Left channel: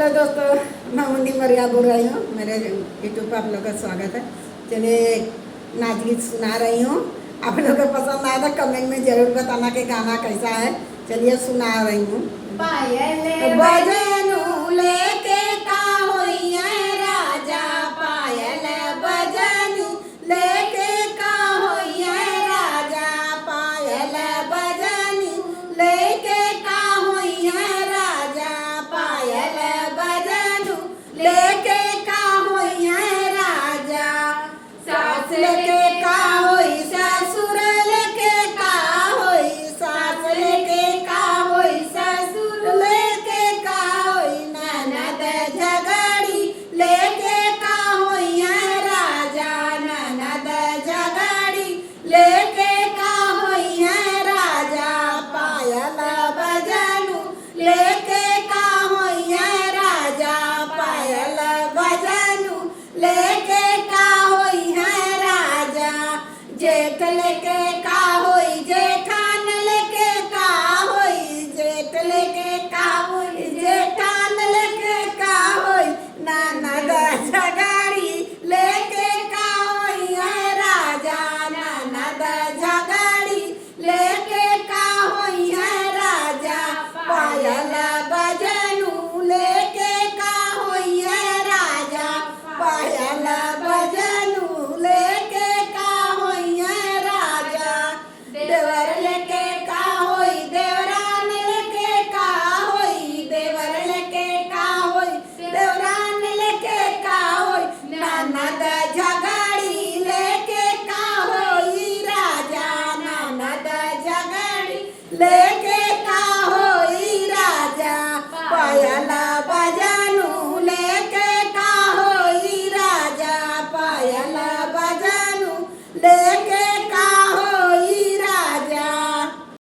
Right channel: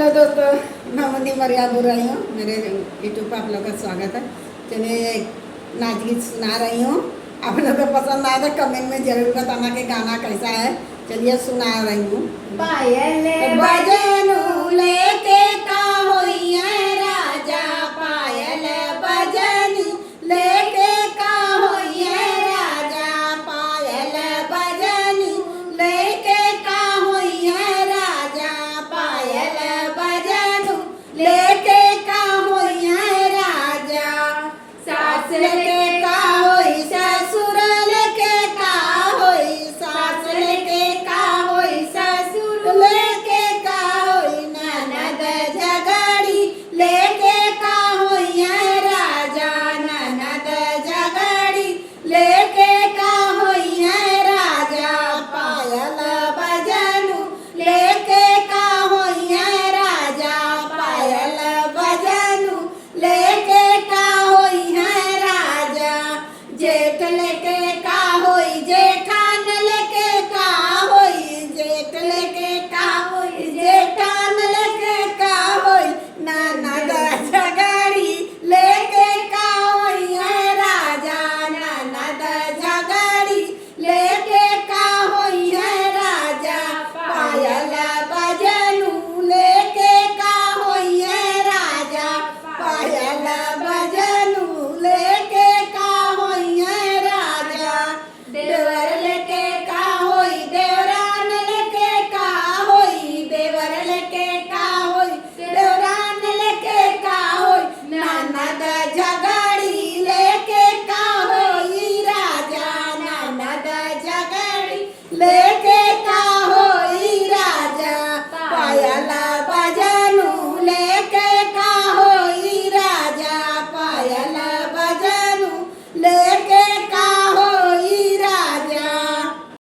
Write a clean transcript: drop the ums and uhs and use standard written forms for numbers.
Hello दोस्तों, मैं मुंदी मरिया बोल रही हूँ। मेरे यूट्यूब पर आप लोग का स्वागत है। चलिए नाच गीत सुना रही हूँ। आप लोग को पसंद आया तो कमेंट में जरूर बताना कि गाना कैसा है। चलिए सुना रही हूँ। पायल बजनू लेके का होइए राजा, पायल बजनी लेके का होइए राजा, पायल बजनी लेके का होइए राजा, पायल बजनू लेके का होइए राजा। सास लेके का होई ससुर लेके का होई, सास लेके का होई ससुर लेके का होई, ननद झगड़ी लेके का होइए राजा, ननद झगड़ी लेके का होइए राजा, पायल बजनू लेके का होइए राजा, पायल बजनू लेके का होइए राजा। जेठ लेके का होई जेठान लेके का होई, जेठ लेके का होई जेठान लेके का होई, ननद झगड़ी लेके का होइए राजा, ननद झगड़ी लेके का होइए राजा, पायल बजनू लेके का होइए राजा, पायल बजनू लेके का होइए राजा। देवर लेके का होई देवरान लेके का होई, देवर लेके का होई देवरान लेके का होई, ननद झगड़ी लेके का होई राजा, ननद झगड़ी लेके का होई राजा, पायल बजनू